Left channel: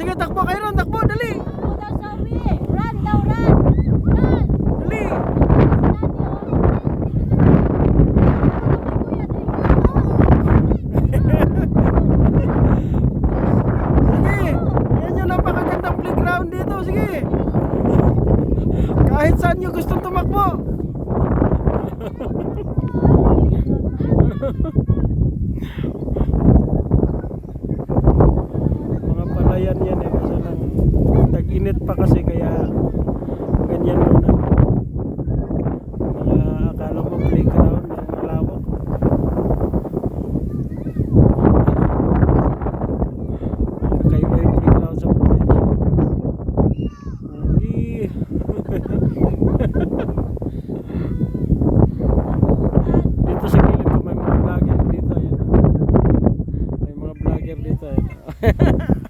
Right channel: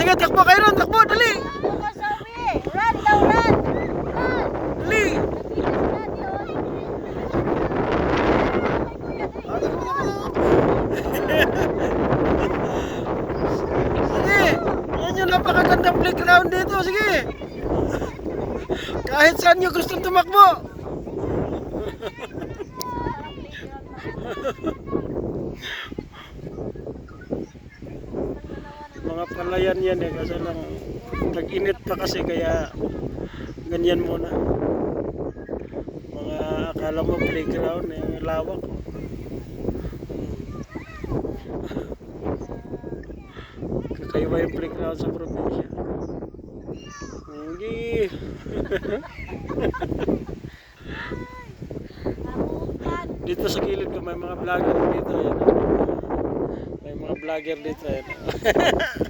sige, takbo kayo ron, takbo, dali. Run daw, run. Dali. Sige, yan yung napakagandang playground dito, sige. Kahit saan nyo gustong tumakbo. Mga palayan yan eh, kasi lang tag-init pa kasi kaya ganyan muna. Mga akala mo playground yung lawak. Kakaiba yung playground sa probinsya. Hindi. Dito sa gilid ko may mga vlogger dito. Yan. May mga vlogger dito. Yan.